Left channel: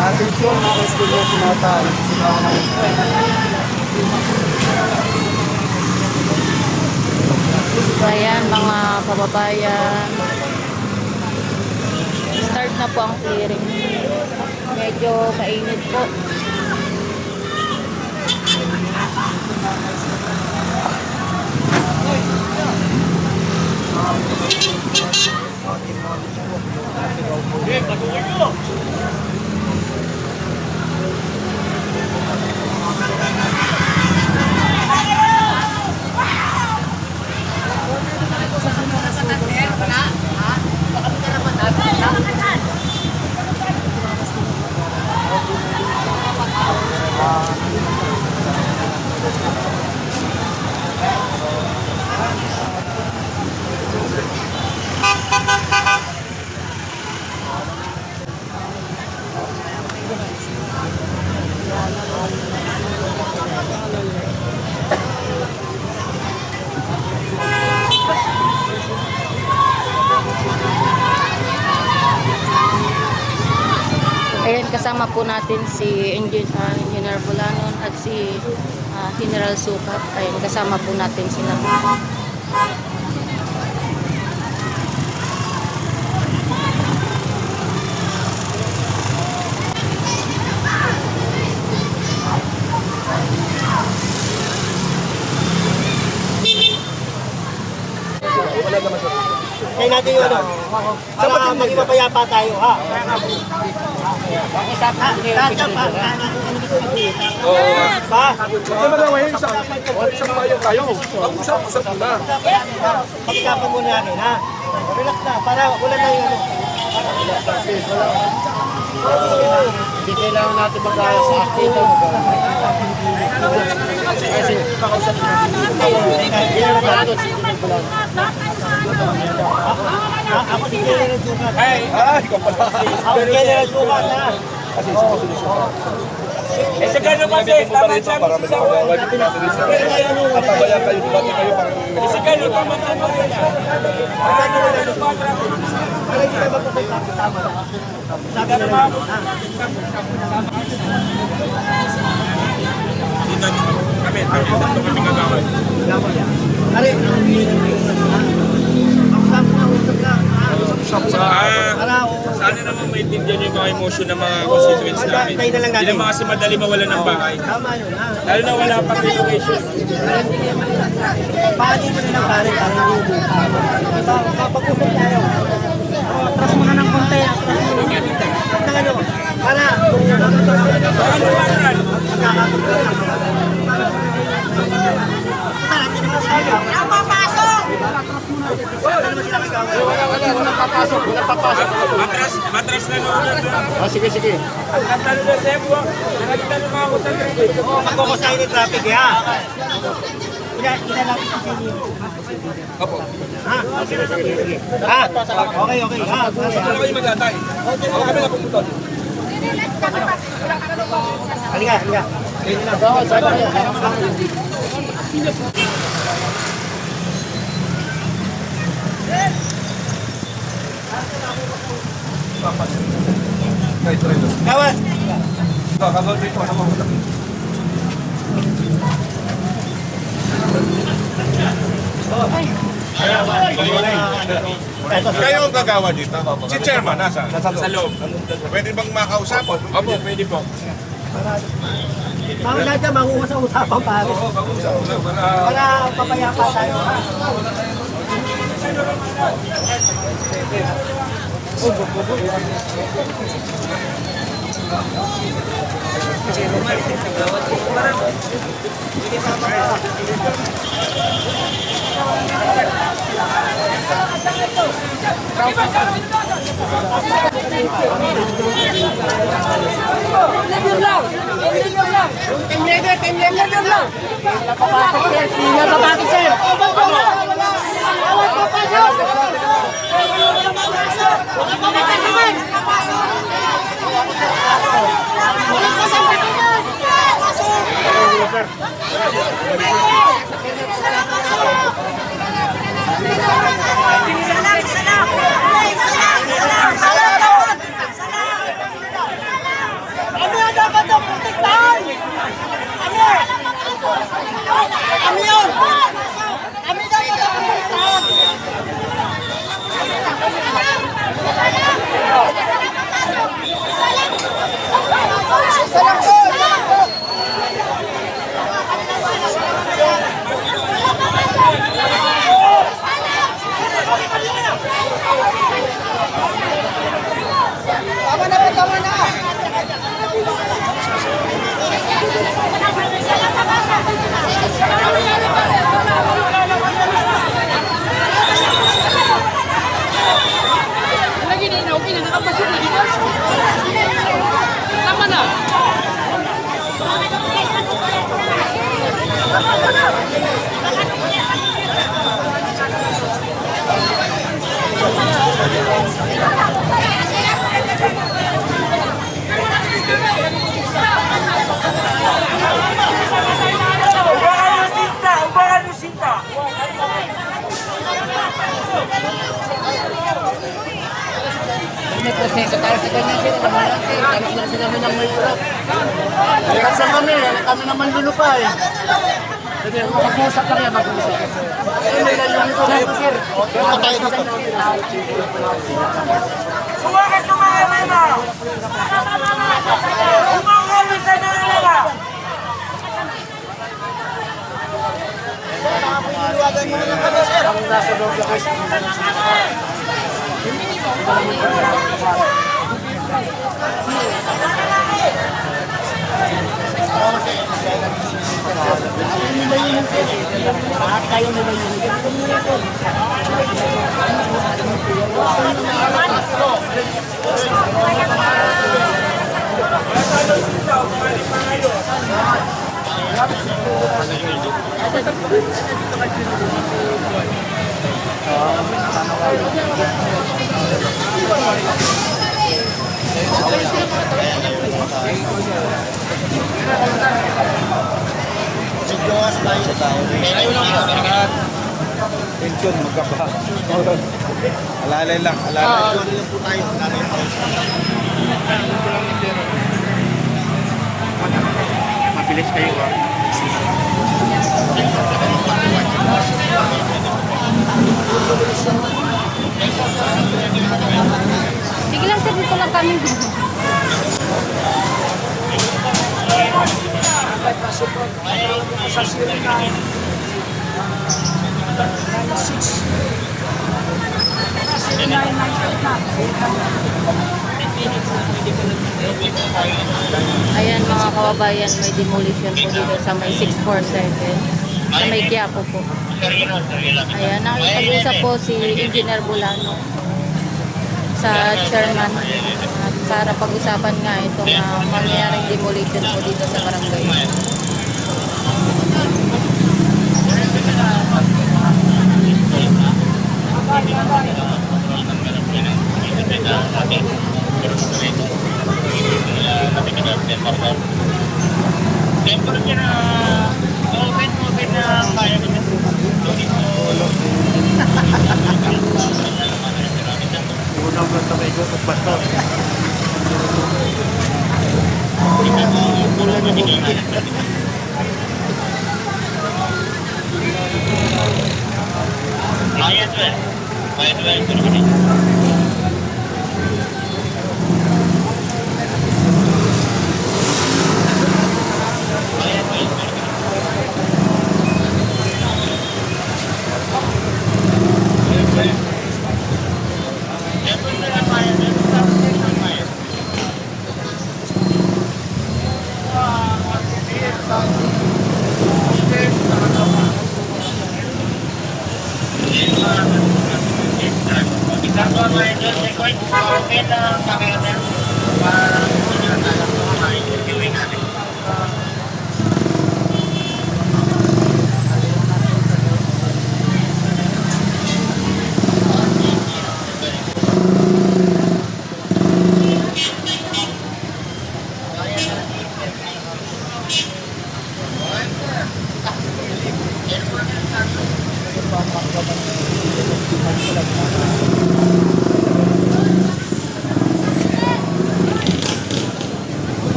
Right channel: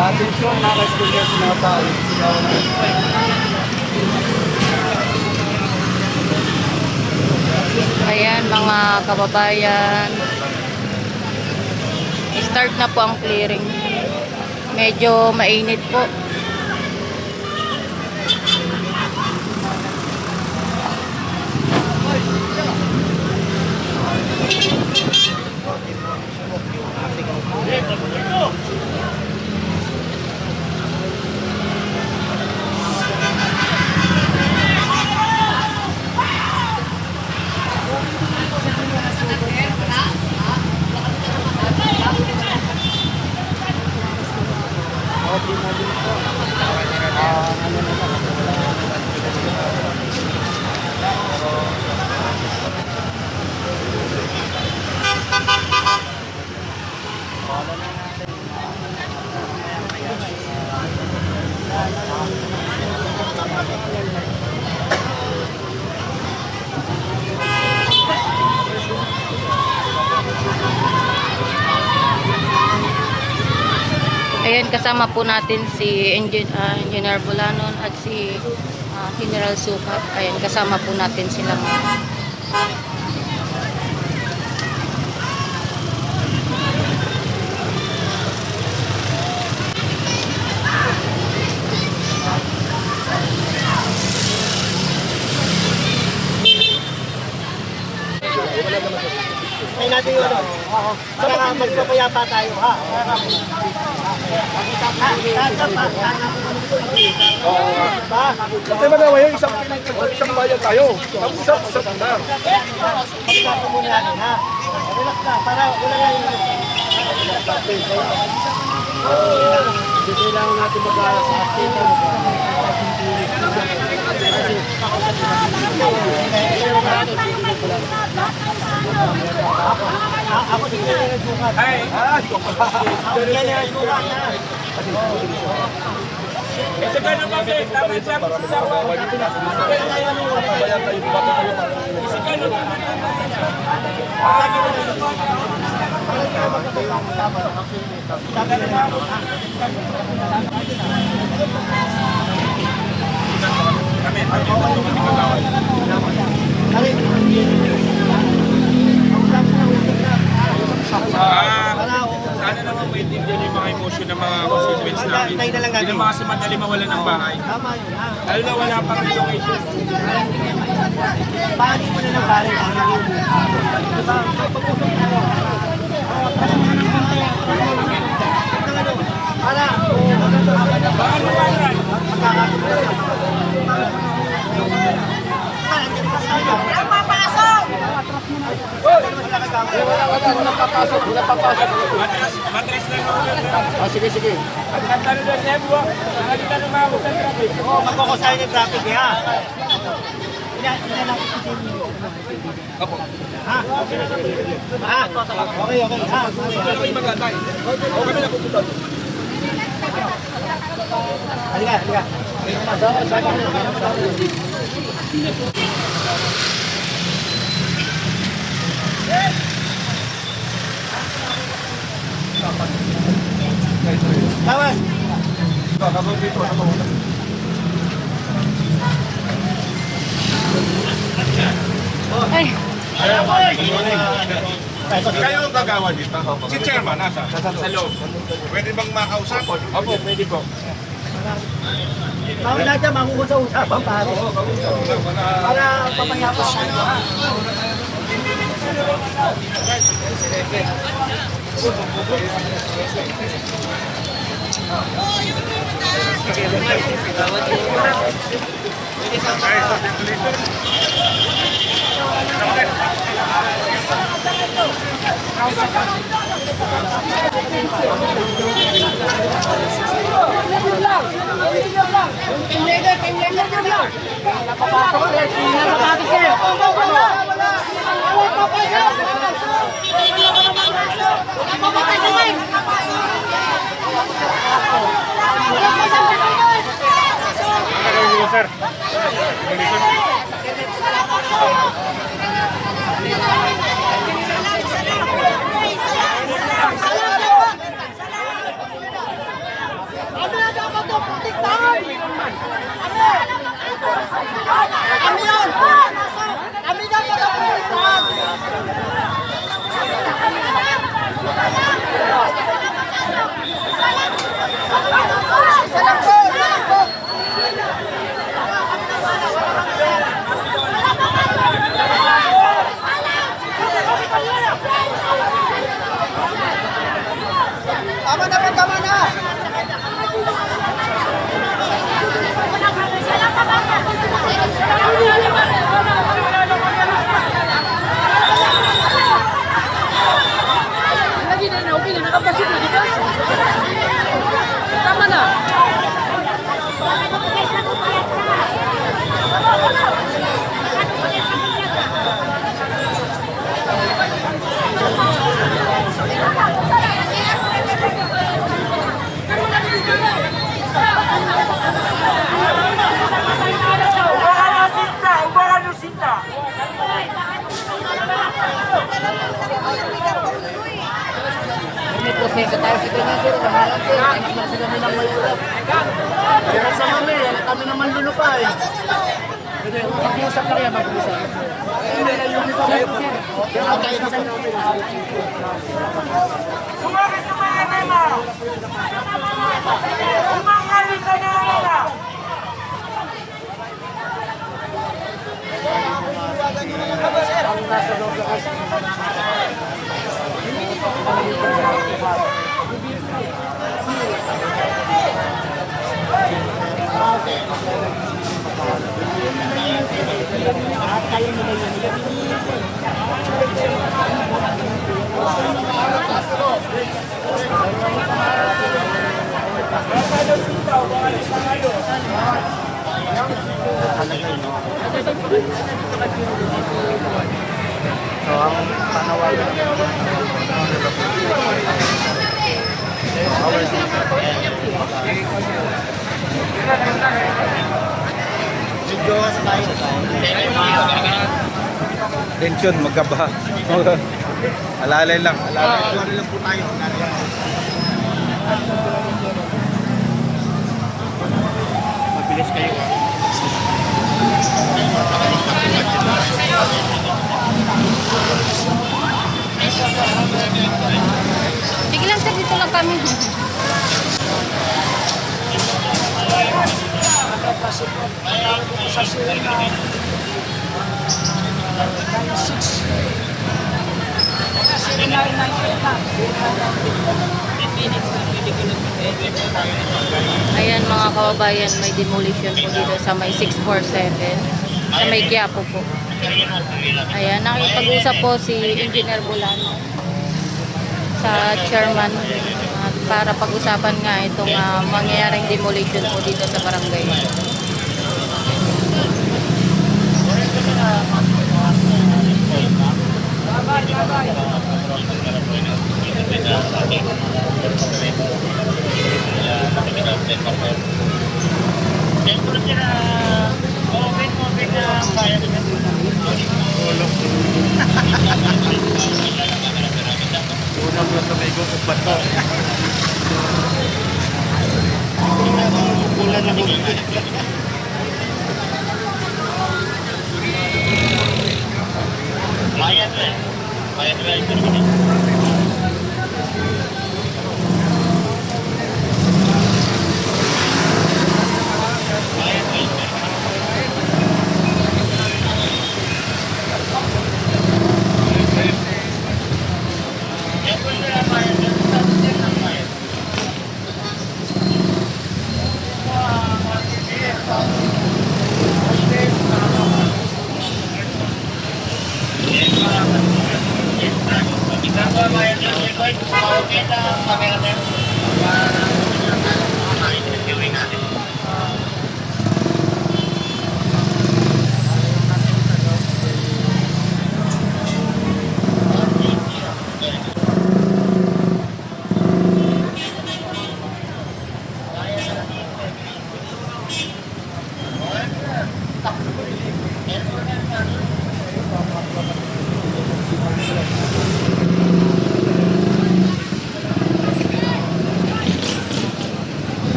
Atensyon mga ka-student sinata. Ayan mga kababayan, start na po ang clearing. Medyo mainit po. Ayan, kasama po natin si Engineer Bulanon at si General Sukat. Ayan, kasama po natin sila mga. Kaya natin yun, para magpapayapa tayo, ha? Tatap pa, oo. Pa? Hindi ba naman yung isang kayo? Isa na. Pagkapa muna natin, ha? Relax na, para wala na yung hindi kailangan natin mag-aalas sa akin. Kasi kakausap ako si General Sukat. Ako si General Sukat, ha? Eh sa gano'n kasi, tama siya, magsasawa. Patabayan kayo, bumati kayo. Sa gano'n, tama-tama siya. Sa gano'n makapot, ha? Kami kagawad. Sana naman maintindihan yung mga emotion ng mga constituents namin. Hindi naman kasi madali mawala ng bahay. Lalo na wala pang relocation. Paano mo na ng bahay? Kapag-usap tayo. Atras mo na ng konti. Atras mo na. Para. Ano ba rin? Matras na naman. Sige. Ang talo ba siya buwa? Hindi ka na makakot ng traffic. Magkukusahin ng traffic, ha? Ilan natin si Jenny. Opo. Ha? Ha? Okay. Ha? Ano kayo magtatay? Ako kami napupunta. Halika. Kawas! Kaso dito, ano mauna? Kayo ang gagawa dito? Si Chairman, nasa? Sa loob. Pwede bang makausap? Opo, pwede po. Wala dyan, mangusap-usapan pa. Para papayapa tayo. Tama na po, tama na! Lagi na na, okay na, nakapasit na, di ba? Tama na! May proseso tayo sa kanya, sir. Kamalan, sir. Kaya lang sila nilang may urap. Kaya sa kami naman lulupay. Jadi kung mag-usap ka rin, mag-usap ka, sir. Ayun, may layong nito dito, sir. Sumagas mga na! Umangalit ka na nila! Tension, magkaba. Alalay lang, alalay. Ano lang po tayo, alalay lang. Mabilis kayo ha. Sige lang sir, dito lang kami. Ayan mga kababayan, may demolition po dito sa may 647 sa may Quiapo po. Ayan, nakipag-usap po si Engineer Bulano sa chairman para pag-usapan nga itong mangyayaring demolition po dito sa barangay. Unang bulan na may gukot ba ito?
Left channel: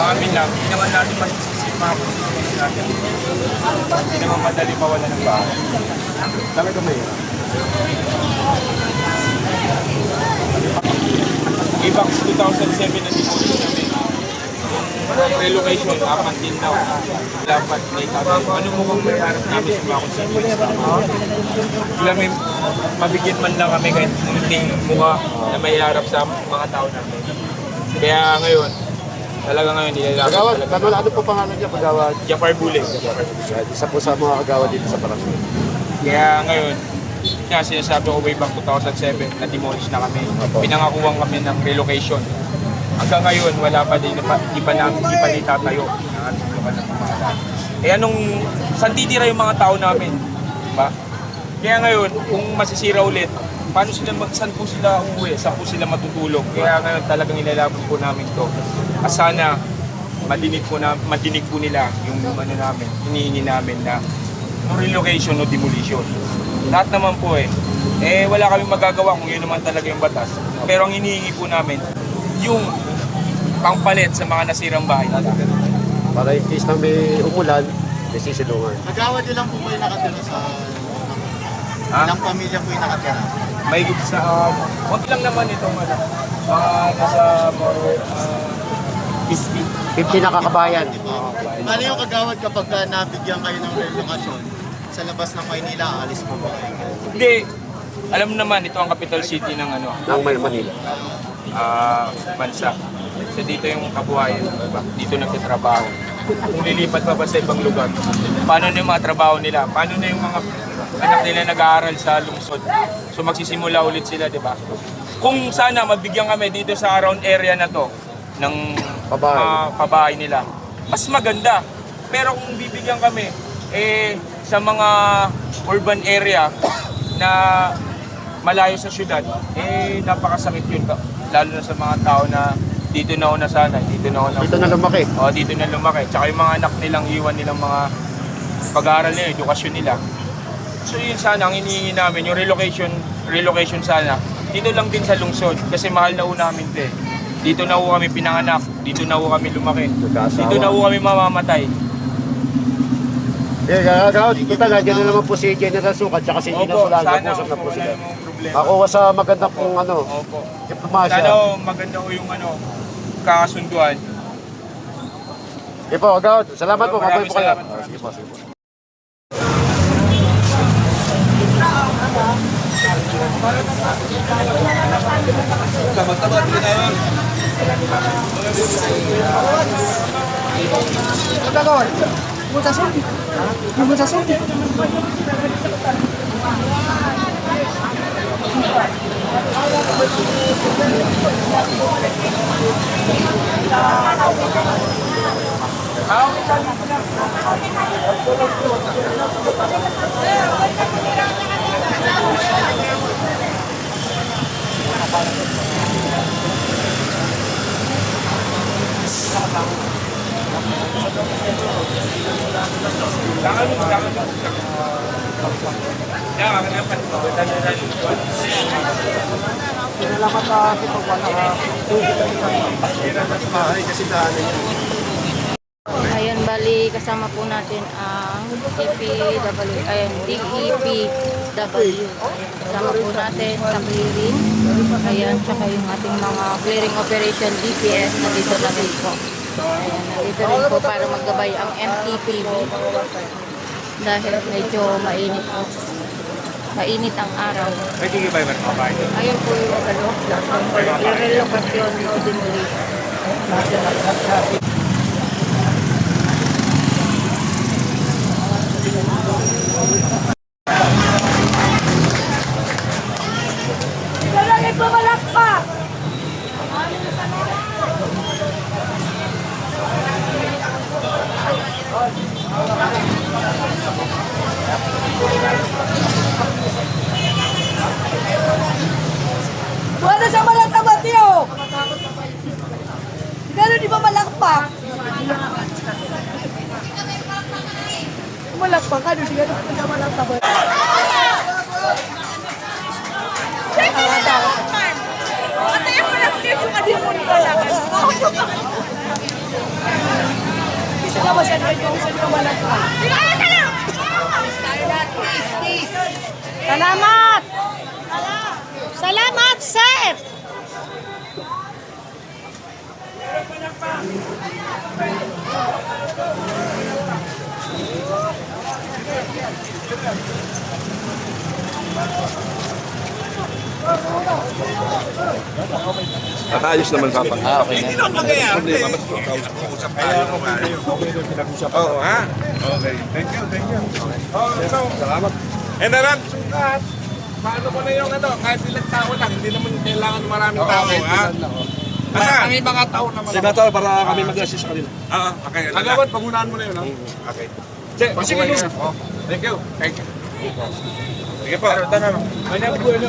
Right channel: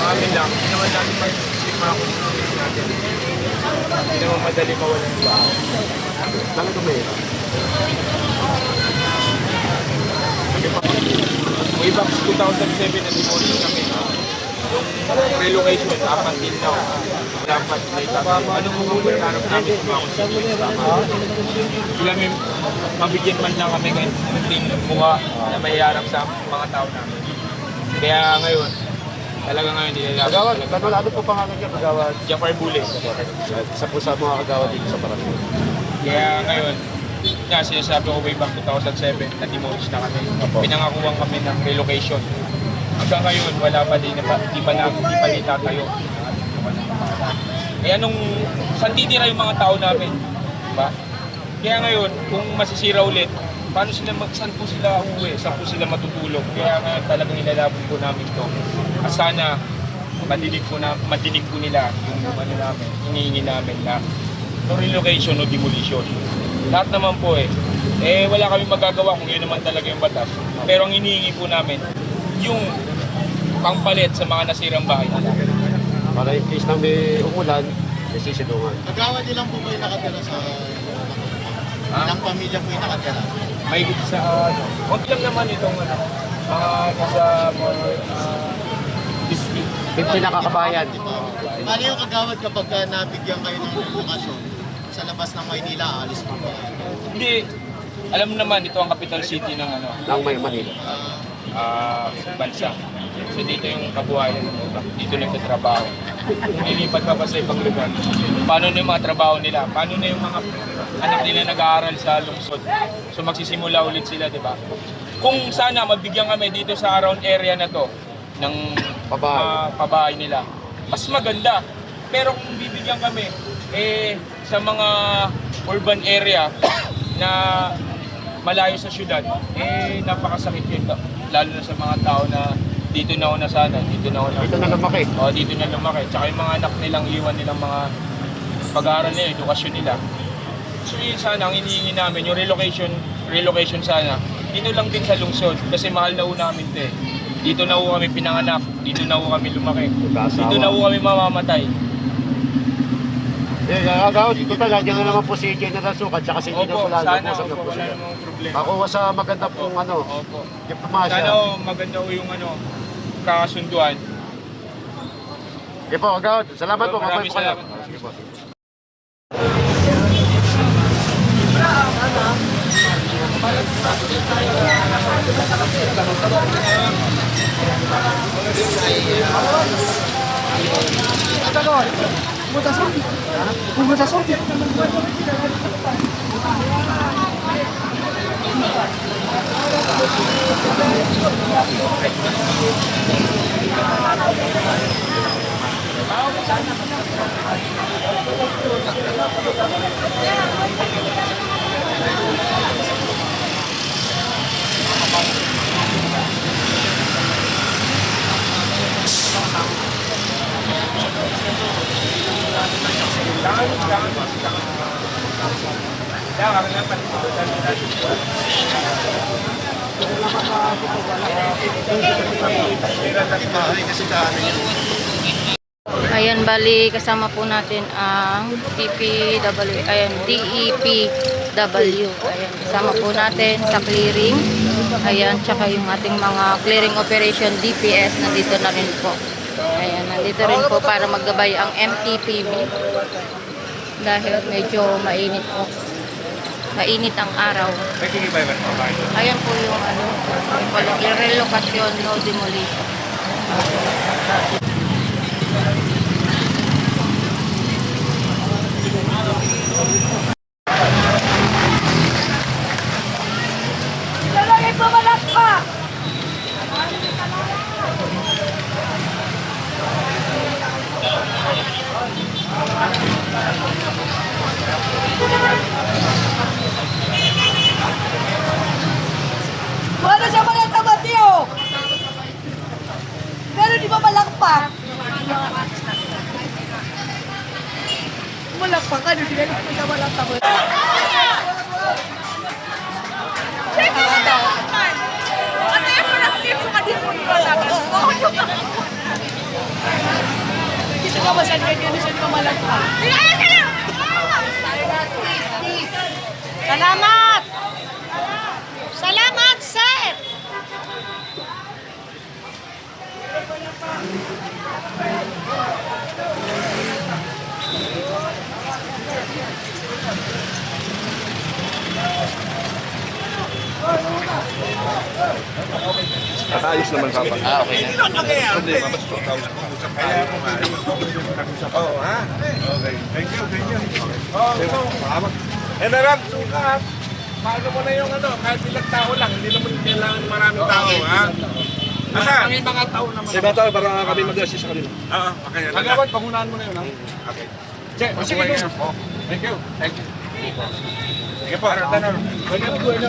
Amin lang, hindi naman natin masisisi yung mga constituents natin. Hindi naman madali mawalan ng tao. Talaga ba yun? Way back 2007 na demolish kami. Yung relocation, up until now, dapat may tatay. Ano mo kang maharap namin sa mga constituents namin? Biglang may mabigyan man lang kami kahit munting mukha na may harap sa mga tao namin. Kaya ngayon, talaga ngayon, nilalapit talaga. Ano po pangalan niya, Kagawad? Jafar Bule. Isa po sa mga kagawad dito sa Parasyon. Kaya ngayon, nga sinasabi ko way back 2007, na-demolish na kami. Pinangakuhan kami ng relocation. Hanggang ngayon, wala pa din, di pa itatayo. Eh anong, saan titira yung mga tao namin? Diba? Kaya ngayon, kung masisira ulit, paano sila, saan po sila uuwi? Saan po sila matutulog? Kaya ngayon talagang inalaban po namin to. Sana madinig po nila yung ano namin, hinihingi namin na no relocation o demolition. Lahat naman po wala kami magagawa kung yun naman talaga yung batas. Pero ang hinihingi po namin, yung pangpalit sa mga nasirang bahay nila. Para in case na may umulan, may sisinungan. Kagawad ilang po kayo nakatira sa... Ilang pamilya po yung nakatira? May sa konti lang naman itong mga nasa more 50 na kakabayan. Ano yung kagawad kapag nabigyan kayo ng relocation sa labas ng Maynila, alis po ba? Hindi. Alam mo naman, ito ang capital city ng Ng Manila. Bansa. So dito yung kabuhayan ng iba. Dito nagtatrabaho. Kung lilipat pa ba sa ibang lugar, paano na yung mga trabaho nila? Paano na yung mga anak nila nag-aaral sa lungsod? So magsisimula ulit sila, di ba? Kung sana mabigyan kami dito sa around area na to ng pabahay nila, mas maganda. Pero kung bibigyan kami sa mga urban area na malayo sa syudad, napakasakit yun. Lalo na sa mga tao na dito na una sana, dito na lumaki. Dito na lumaki. Tsaka yung mga anak nilang iwan nilang mga pag-aaral nila, edukasyon nila. So yun sana, ang hinihingi namin, yung relocation sana, dito lang din sa lungsod. Kasi mahal na namin ito Dito na kami pinanganak, dito na kami lumaki, dito na kami mamamatay. Dito talaga, dyan na naman po si General Sukat, tsaka si Gina Opo, Solano. sana wala namang problema. Ako sa maganda pong Opo. diplomasya. Sana maganda ko yung kakasunduan. Po, agad. Salamat po. Maraming Kayo. salamat. Ayan, bali kasama po natin ang DPW, ayan, DEPW. Ayan, kasama po natin sa clearing. Ayan, tsaka yung ating mga clearing operation DPS, nandito na rin po. Ayan, nandito rin po para maggabay ang MTPB. Dahil medyo mainit po. Mainit ang araw. Ayan po yung ano, irrelocation, no demolition. Ilalagay pa malak pa! Wala sa malak na batiyo! Gano'n di ba malakpak? Malakpak ka, di ba malakpak? Bisa ka ba saan ganyan sa inyo malakpak? Salamat! Salamat, sir! Nakayos naman ka. Okay na. Oo, ha? Okay. Thank you. Salamat. Na lang, sukat. Paano mo na yung ano, kahit ilang tao lang, hindi naman kailangan maraming tao, ha? Ang mga tao naman. Senator, para kami mag-assist kanila. Oo, okay. Agawad, pangunahan mo na yun, ha? Okay. Che, sige, thank you. Thank you. Sige po. May nabubuhay na.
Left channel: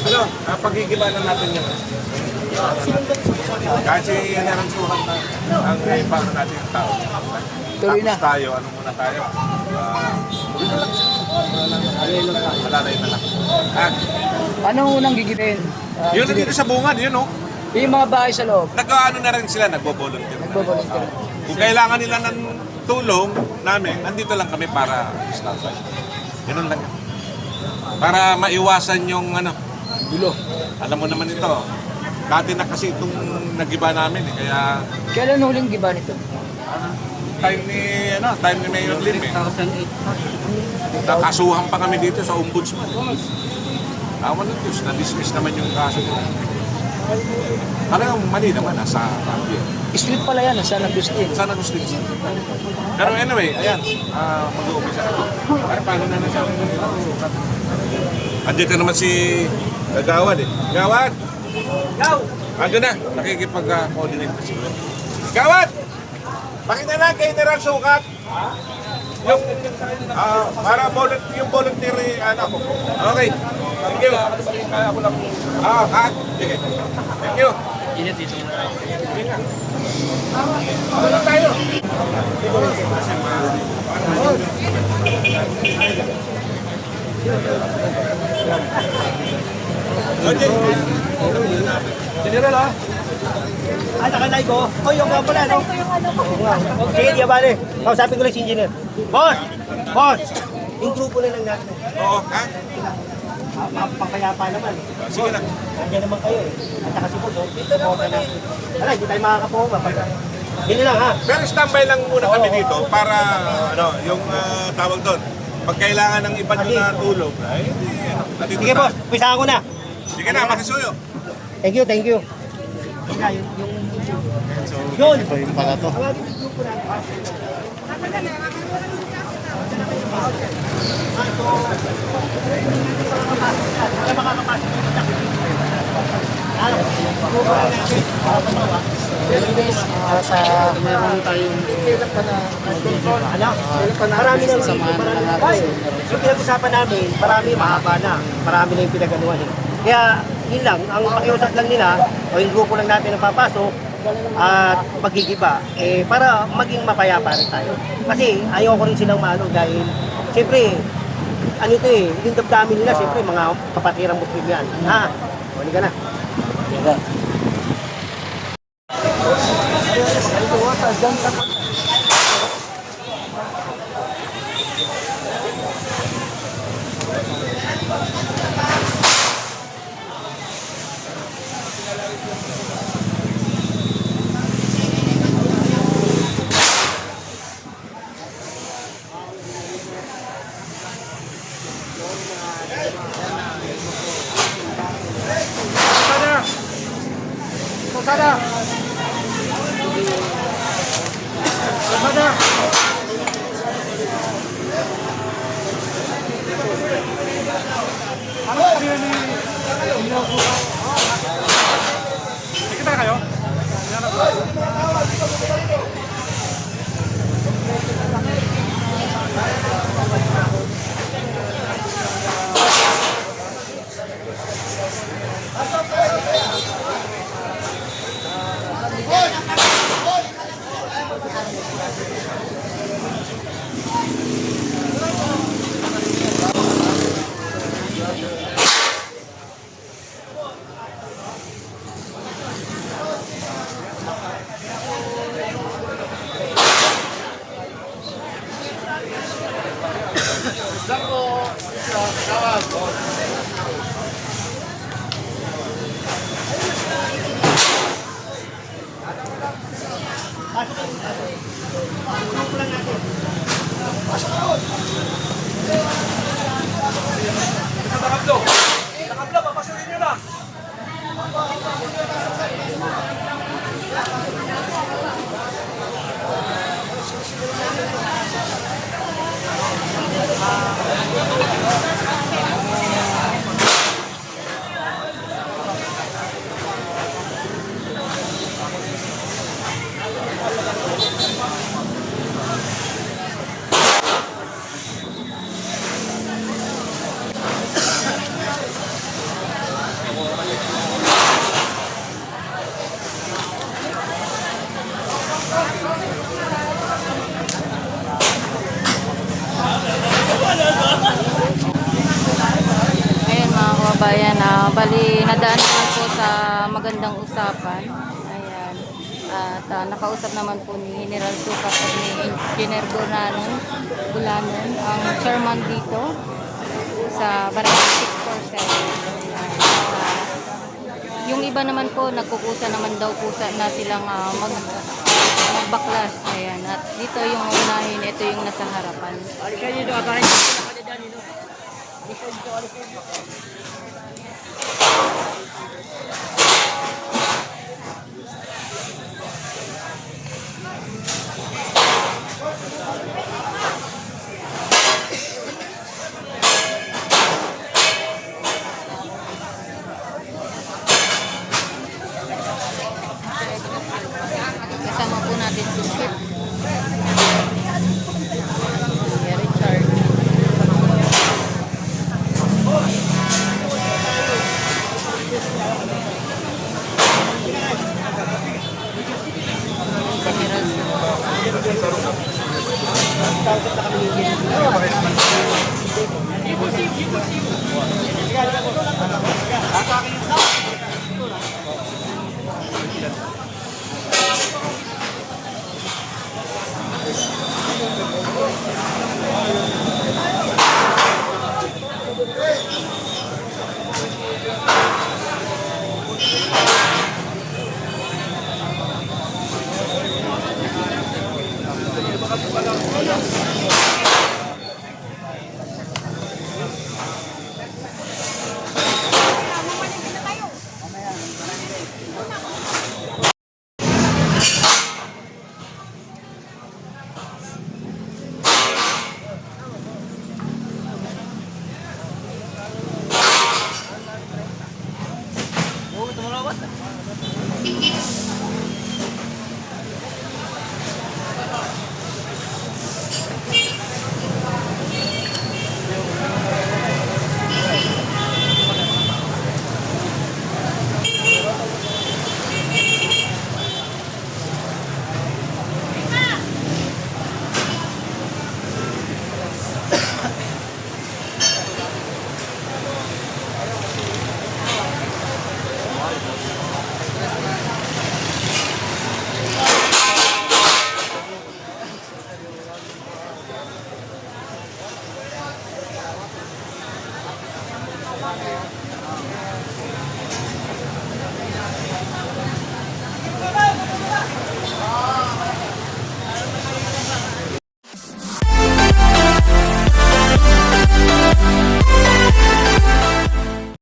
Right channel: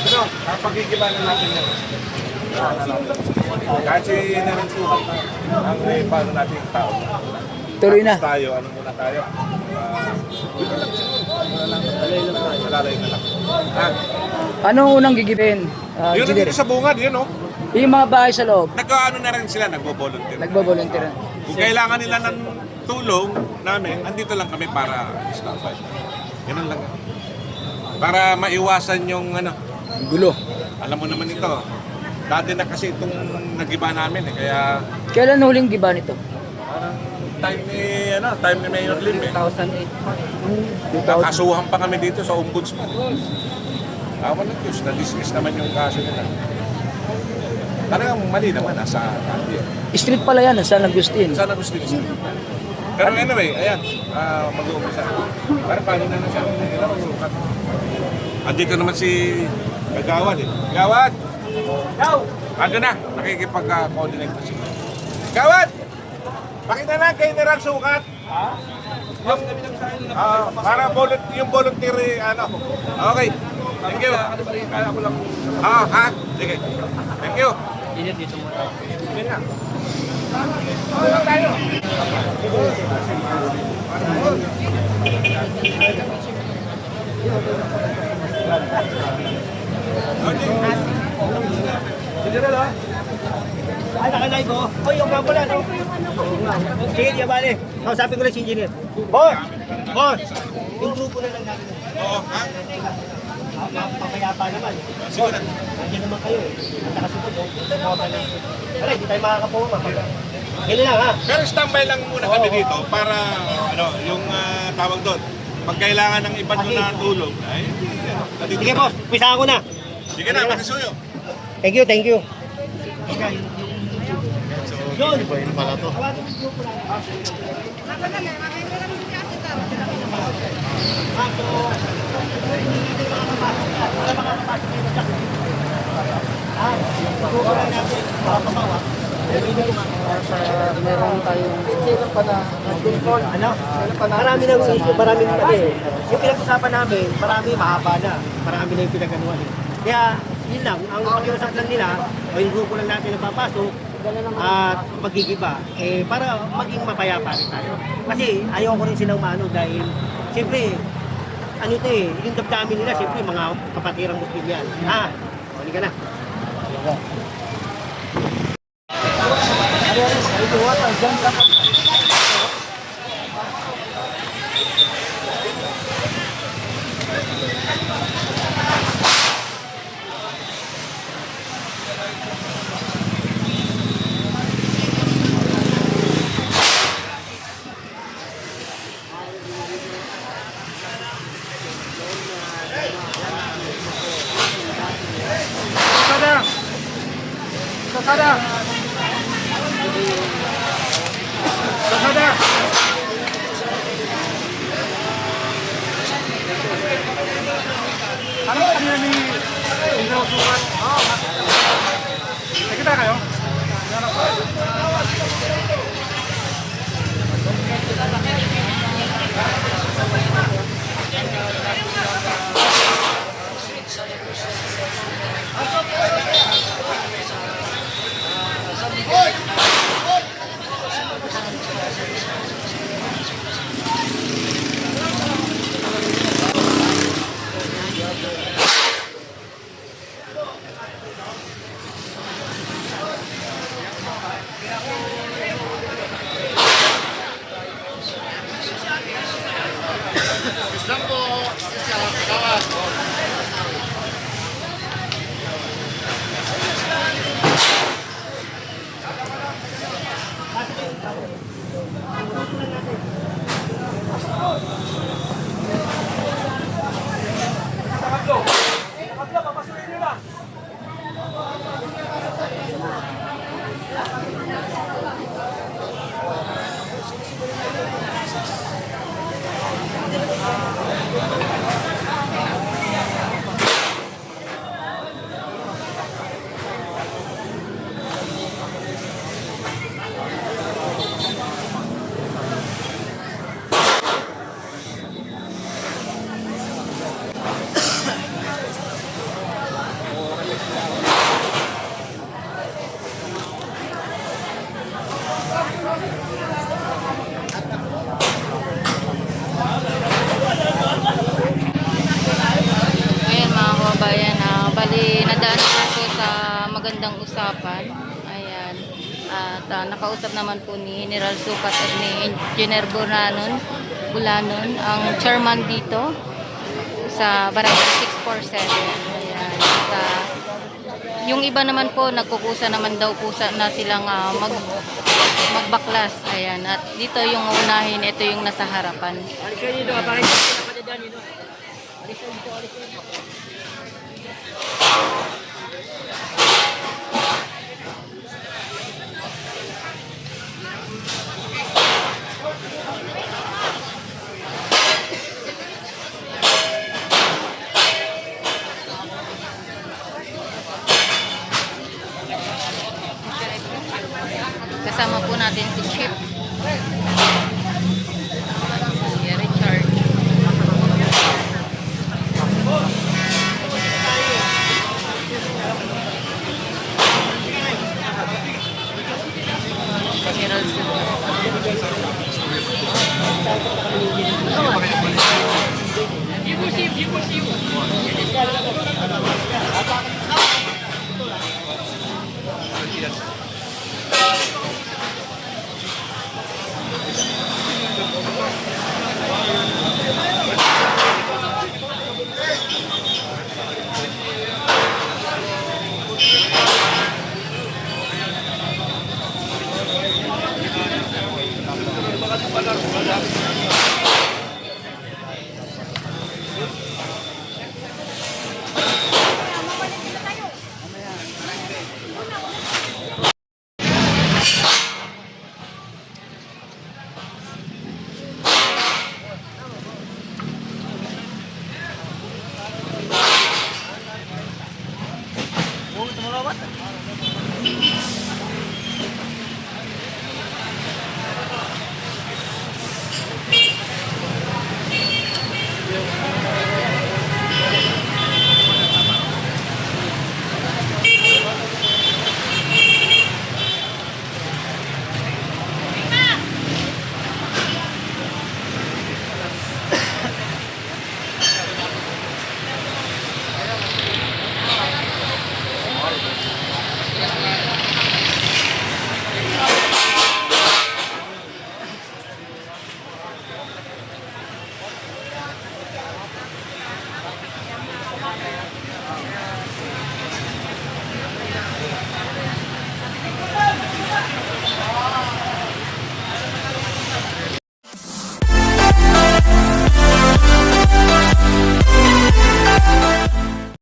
Ano, pagkikibalan natin yan. Kahit si General Sukat na ang paano natin yung tao. Tuloy na. Tapos tayo, ano muna tayo? Dito lang siya. Alalay na lang. Anong unang gigipin? Yun na dito sa bungad, yun o. Yung mga bahay sa loob, Nagkaano na rin sila, nagbo-volunteer. nagbo-volunteer. Kung kailangan nila ng tulong namin, andito lang kami para stand-by. Ganun lang yan. Para maiwasan yung ano, Gulo. alam mo naman ito. Dati na kasi itong nagiba namin eh, kaya Kailan huling giba nito? time ni Mayor Lim eh. 2008. Nakasuhan pa kami dito sa ombudsman. Awan ng Diyos, na-dismiss naman yung kaso nila. Talagang mali naman nasa kampi. Street pala yan, San Agustin. Sana gusto nila. Pero anyway, ayan, mag-uumpisa kami. Para paano na siya sukat. Andito naman si Gawad eh. Gawad! Ando na, nakikipag-coordinate na siguro. Gawad! Pakita na kay General Sukat. Yung, para yung voluntary, ano. Okay. Thank you. Ha? Sige. Thank you. Init dito muna. Sige nga. Ano tayo? General, ha? Naka-live ko. Oh, yung nga pala, no? Sige, di bale. Kausapin ko lang si engineer. Boss! Boss! Yung grupo na lang natin. Oo, ha? Pangkayapa naman. Sige na. Nandiyan naman kayo eh. At saka si Bodo. Wala, hindi tayo makakapunga. Ganyan lang, ha? Pero standby lang muna kami dito para ano, yung tawag doon. Pag kailangan ng iba nyo na tulong, ay, nandito Sige, na. boss. Pisahan ko na. Sige na, makisuyo. Thank you, thank you. Teka, yun. Yun pala to. Marami nang issue, marami nang kasi. Yung pinag-usapan namin, marami, mahaba na. Marami na yung pinag-anuhan eh. Kaya, yun lang, ang pakiusap lang nila, o yung grupo lang natin na papasok, at paggigiba para maging mapayapa rin tayo. Kasi ayaw ko rin silang maano dahil siyempre ano ito yung damdamin nila siyempre mga kapatirang Muslim yan. Ha? O, hindi ka na. Bali, nadaan naman po sa magandang usapan. Ayan. At nakausap naman po ni General Sukat at ni Engineer Bulanon, ang chairman dito sa Barangay 647. Ayan. At, yung iba naman po, nagkukusa naman daw po na silang magbaklas. Ayan. At dito yung unahin, ito yung nasa harapan. Kasama po natin si Chip. Si Richard. General Sukat.